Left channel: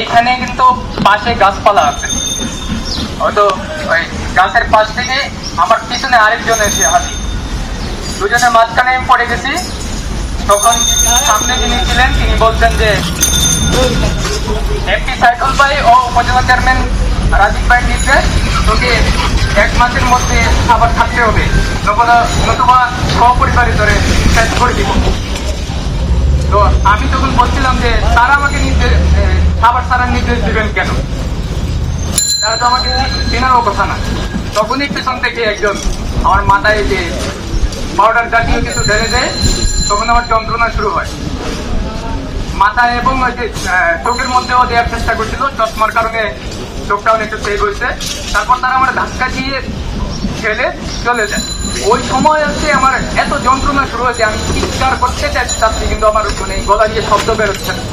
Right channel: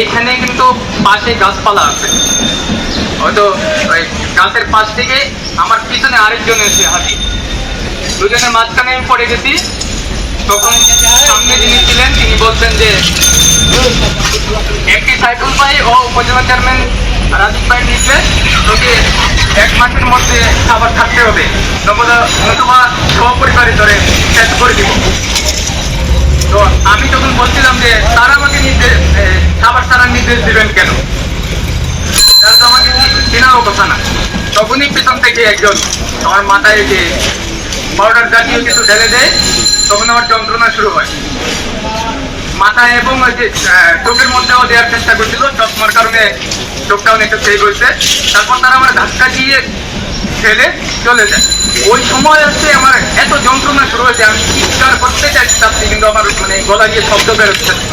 এইখানে কিন্তু পাশে গাছপালা আছে, হয়তো ওই গাছের পাশ থেকে আমার পিছনে আরেকজন এসে হাতি, দুজনের মাঝখানে আমি পড়ে গেছি। তখন সামনে যিনি ছিলেন তিনি বলছেন যে এমপি সাইফুল ভাই ও উপজেলা চেয়ারম্যান রাজীব ভাই নির্দেশ, তোকে 1 মাসের মধ্যে খাবার থাকতে হবে, নতুবা সপরিবারে ধরে শেষ করে দিব। তো আমি তখন বলছিলাম যে তারা আমাকে খাবার ছাড়ার নির্দেশ দিবেন কেন, তারা তো আমাকে চেনারও কথা না। তখনই পেছন থেকে একজন আমার মাথায় যে পাউডার জাতীয় কিছু ঢেলে দেয়, তখন আমার যন্ত্রণা শুরু হয় মাথায়, এবং ওই যে চোখের মধ্যেও দেওয়ার চেষ্টা করছিল, চশমার কারণে চোখটা অনেকটা চেয়ে হয়েছে। তারপর তারা আমার ধাক্কা দিয়ে ফেলে চলে যায়। ওই সময় হচ্ছে আমার এত যন্ত্রণা শুরু হয়েছে, আমি চিৎকার করতে চাচ্ছি কিন্তু আমার মানে গলা দিয়ে শব্দ বেরোচ্ছে না।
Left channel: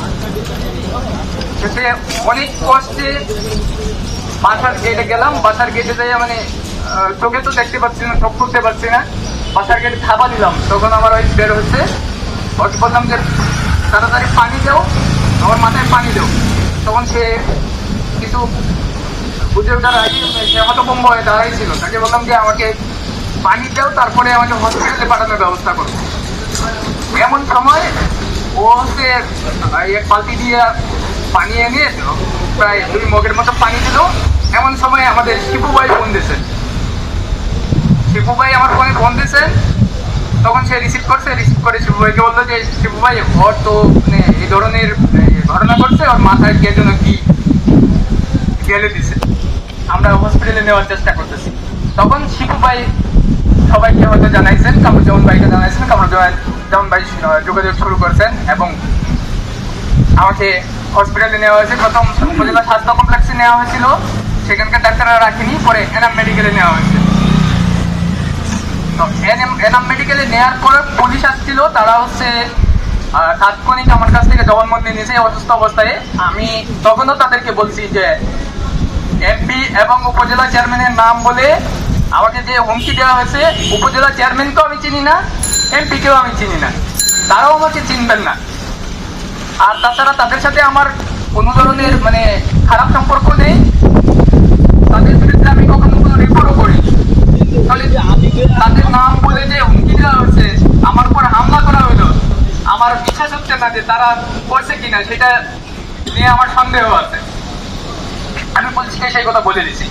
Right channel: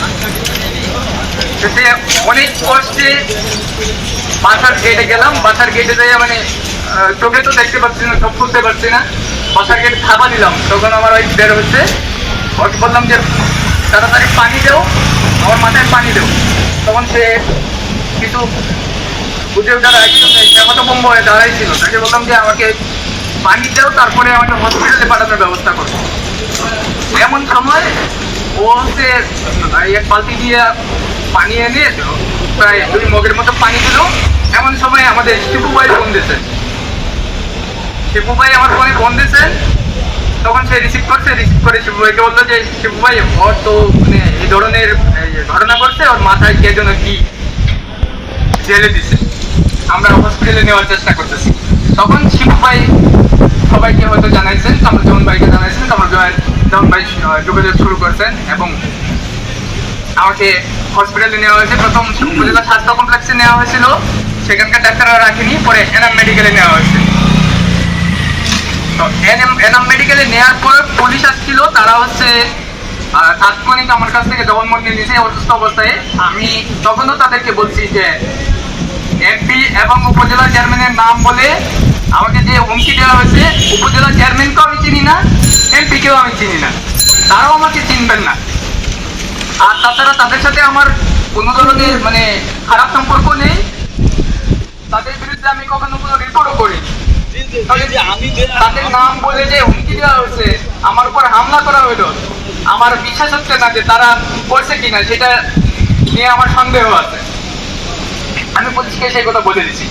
সে অনেক কষ্টে বাসার গেটে গেলাম, বাসার গেটে যাই মানে চোখে তো দেখতে পাচ্ছি না, চোখ খুলতে পারছি না, বাসার গেটে থাবা দিলাম। তখন আমার ওই বের হচ্ছে, ওকে বললাম যে তাড়াতাড়ি পানি দেও, আমার মাথায় পানি দেও। তখন সে কিছু বুঝে ওঠার আগে হতভম্ব হয়ে দাঁড়াইছিল, তাকে বললাম যে আমাকে পানি দেও, তারপরে আমাকে হসপিটালে পাঠানোর ব্যবস্থা করবো। এমন সময় ও হচ্ছে এক বালতি দিয়ে পানি এনে প্রায় 2 মগের মতো পানি দিল। এমন সময় আমাদের শিপু ভাই ফোন দিয়েছেন, শিপু ভাই আমার ফোনে ফোন দিয়েছেন। তখন সে রিসিভ করে শিপু ভাইকে বললো যে শিপু ভাই ওর তো মানে এই ধরনের ঘটনা করছে, ওর মাথায় কে যেন কি জেলে দিছে, আমরা হসপিটালে নেওয়ার চেষ্টা করতেছি। তখন শিপু ভাই সবাইকে হয়তো জানাইছেন, কামরুজ্জামান ভাইকে জানাইছেন, কামরুজ্জামান ভাই যোগাযোগ শুরু করছেন এবং আমাকে হসপিটালে নেওয়া হয়েছে। প্রথম উপজেলা স্বাস্থ্য কমপ্লেক্সে নেওয়া হয়েছিল, সেখানকার ডাক্তাররা রাখেনি, পরে এনাম মেডিকেলে নেওয়া হয়েছে। তো এনাম মেডিকেলে নেওয়ার পর পুলিশ আসছিল, তারা হচ্ছে তাৎক্ষণিক আমার কাছ থেকে জবানবন্দি নিয়েছে অসুস্থ অবস্থায়। আমি তখনও তাদেরকে বলছি যে এমপি এবং উপজেলা চেয়ারম্যানের নাম বলে আমাকে যে হুমকি দেওয়া হয়েছে, উপজেলা চেয়ারম্যানকেও আমি চিনি না, এমপিকেও আমি চিনি না, তারাও আমাকে চিনবেন না। আর তাছাড়া তাদের সাথে আমার কোনো ধরনের মানে খারাপ সম্পর্ক নেই, তাদের বিরুদ্ধে আমি কখনো কোনো রিপোর্টও করি। তাদের নাম বলে যে হুমকি দেওয়া হয়েছে, আমার উপর হামলা করা হলো, আমার বিশ্বাস হচ্ছে না যে তারা করছে কিনা, সেটা নিয়ে আমার সন্দেহ আছে। আমি পুলিশকে সেই কথা বলে দিচ্ছি।